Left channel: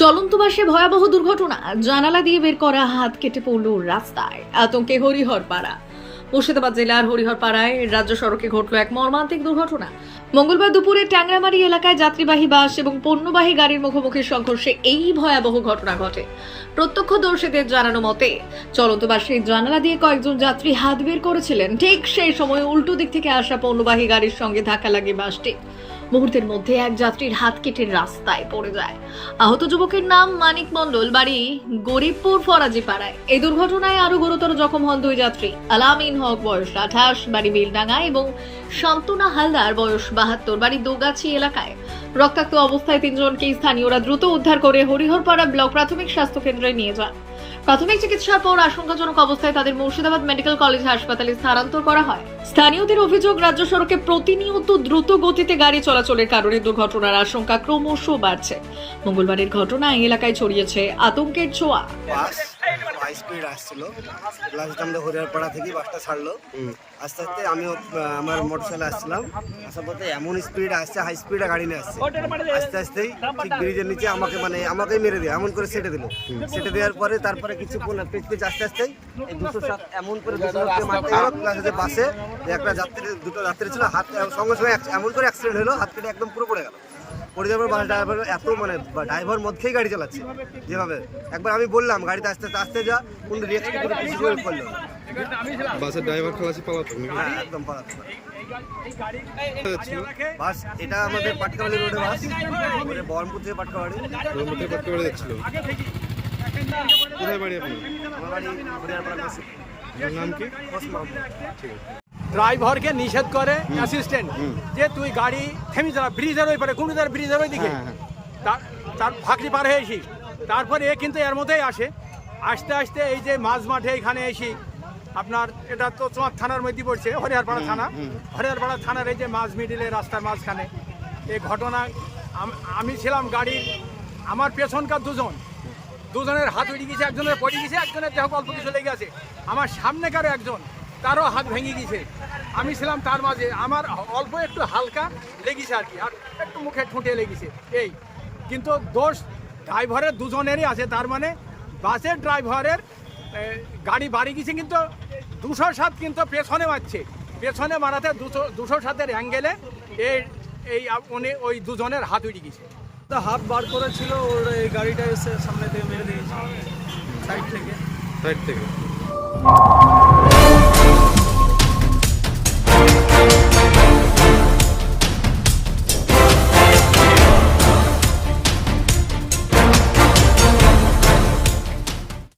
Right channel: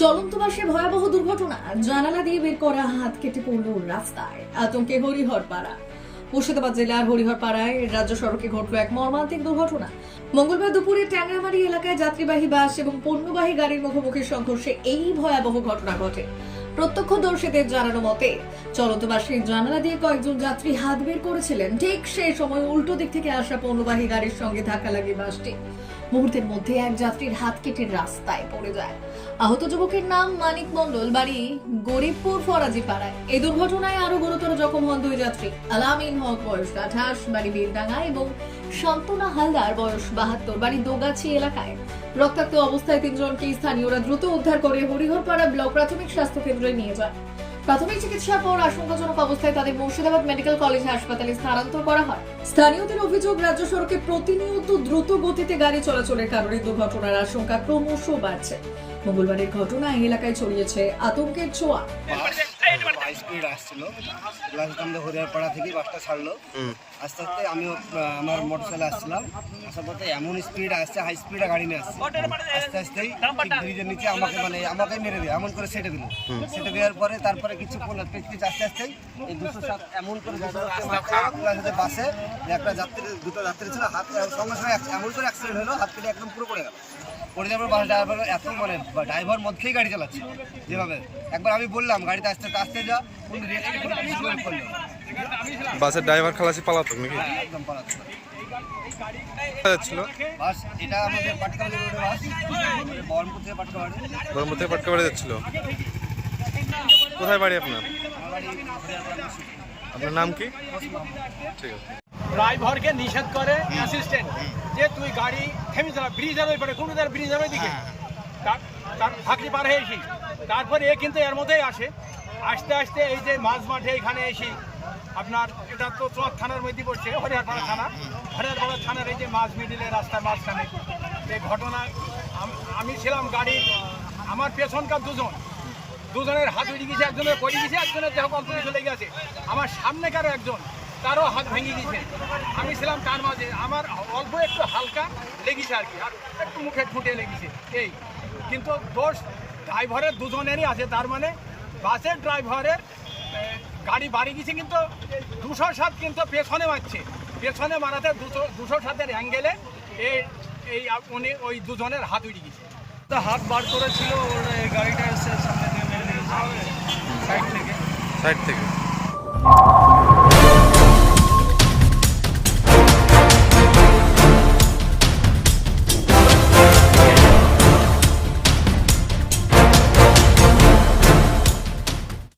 চলন্ত বাসে ভয়াবহ দুর্ঘটনা। জানালা দিয়ে বের করা হাত কেটে পড়ল রাস্তায়। আতঙ্কে হরিহর পাড়া মুর্শিদাবাদ জেলার হরিহর পাড়ায় রাজ্য সড়কে ঘটল এক মর্মান্তিক দুর্ঘটনা। মঙ্গলবার দুপুরে ট্যাংরামারি এলাকায় যাত্রীবাহী বাস এবং পণ্যবাহী গাড়ির মুখোমুখি সংঘর্ষে এই ভয়াবহ ঘটনা ঘটে। প্রত্যক্ষদর্শীদের জানানো মতে, চলন্ত বাসের জানালা দিয়ে কয়েকজন যাত্রী হাত বের করেছিলেন। ঠিক সেই সময় উল্টো দিক থেকে আসা পণ্যবাহী গাড়ির সঙ্গে ধাক্কা লাগে বাসটি মুহূর্তের মধ্যে এক যাত্রীর হাত কেটে রাস্তায় পড়ে যায়। আহত যুবকের নাম মানিক মণ্ডল, বাড়ি গরিবপুর ফরাজি পাড়ায় এই দুর্ঘটনায় আরও গুরুতর জখম হন দুই যাত্রী, আলামিন হক, বয়স আঠাশ, বাড়ি বেলডাঙ্গা এবং শান্তনা হালদার, বয়স বাহাত্তর, বাড়ি দোগাছি এলাকায়। রক্তাক্ত অবস্থায় তিনজনকে স্থানীয়রা দ্রুত উদ্ধার করে হরিহরপাড়া ব্লক প্রাথমিক স্বাস্থ্য কেন্দ্রে নিয়ে যান। প্রাথমিক চিকিৎসার পর আশঙ্কাজনক অবস্থায় তাদের মুর্শিদাবাদ মেডিকেল কলেজ হাসপাতালে স্থানান্তর করা হয়। স্থানীয়দের অভিযোগ, রাজ্য সড়কে প্রতিনিয়ত দ্রুত গতিতে গাড়ি চলাচলের কারণে দুর্ঘটনার আশঙ্কা ক্রমশ বাড়ছে। মঙ্গলবারের ঘটনায় এলাকায় ছড়িয়েছে আতঙ্কের ছোঁয়া। স্পিড আসছিল। প্লাস আমাদের হরিয়ারপাড়া থেকে বাসটা ছাড়লো। আস্তে আস্তে আমিও আহ, আমার মোটরসাইকেল আসছিলাম। আসার পথে এমন স্পিড আসছে হাই স্পিডে গাড়ি নিয়ে আসছে। আস্তে আস্তেই ঠিক ব্রিজের নিচে আমাকে মানে আমাকেই মেরে দিয়ে এমন করে সেটে দিল। সেটে দেওয়ার পরে তারপরে কিছু পেচ পেচ আস্তে আস্তেই এই দুশো সাত এমন করে দুশো সাতকে মারতে গেল। প্লাস হচ্ছে বাসে যে একটা যাত্রী দুটো যাত্রী ছিল হাত সঙ্গে সঙ্গে এমন করে অ্যাক্সিডেন্ট হলো হাত কেটে একদম পুরো পড়ে গেল। পড়ে যাওয়ার পর বাস ড্রাইভার এত মানে ড্রাইভার মধ্যেই গাড়ি চালাচ্ছে যেভাবে। একবার আমি বললাম গাড়িতে আস্তে আস্তে আস্তে যা কোনো রিয়াক্ট করে কিছু করে করল না। বাসের ড্রাইভার খালাসি পালাতক নাকি? হ্যাঁ একদম পালাতে যাচ্ছিল। বাস এটা আমাদের পাটকাবাড়ি রোডে বাস মানে বহরমপুর থেকে পাটকাবাড়ি। বহরমপুর থেকে পাটকা বাড়ি যাচ্ছিল। কোথায় বাড়ি আপনার? আমার বাড়ি আপনার নাম কি? ঠিক আছে। ড্রাইভারকে নিষেধ করে অ্যাসিস্ট্যান্ট যে তুই গাড়ি থেমে যা ব্রিজের ওই পারে কুমিদার ব্রিজের ওই দিকে তার ফাঁকলি পার হয়ে এসি তারপরে এ কিন্তু এর মধ্যেই আসে। আস্তে আস্তে এই যে মাঝ মাঠে এখানে এসি আপনার এটা তো তোমার থানার মধ্যে পড়ছে হরিয়ারপাড়া থানা। হরিয়ারপাড়া থানার এই যে মাঝ মিডিলে রাস্তার মাঝখানে এই ঘটনা আমি ছিলাম গাড়ি আমার পেছনকার দুজন। দুজনের হাত উড়ে গেছে একজনের পড়ে গেছে একজনের দেহ অল্প কিছু লেগে আছে আমার সামনেকার একজন তারও হাত ভেঙে গেছে আমি ছিলাম তার মাঝে। আমার অল্প একটু হালকা লেগেছে আর কি আর একটু মুখে খুঁটে লেগেছে। এই কিন্তু দোষ ড্রাইভারের দুজনেরই আছে তার মানে বাসের ড্রাইভারের গাড়ি বাড়ি গেছে কিন্তু দুশো সাত কিন্তু পেছনে মারছে। পেছনে মারাতে দুশো দুশো সাতের অ্যাঙ্গেলে এই এই উনি ওই দুজনের হাত উড়ে গেছে। তা হাত বার করেছিল ওর এই গাড়িটা এসে সামনে থেকে মেরে দিয়েছে সাইড থেকে। সাইড থেকে।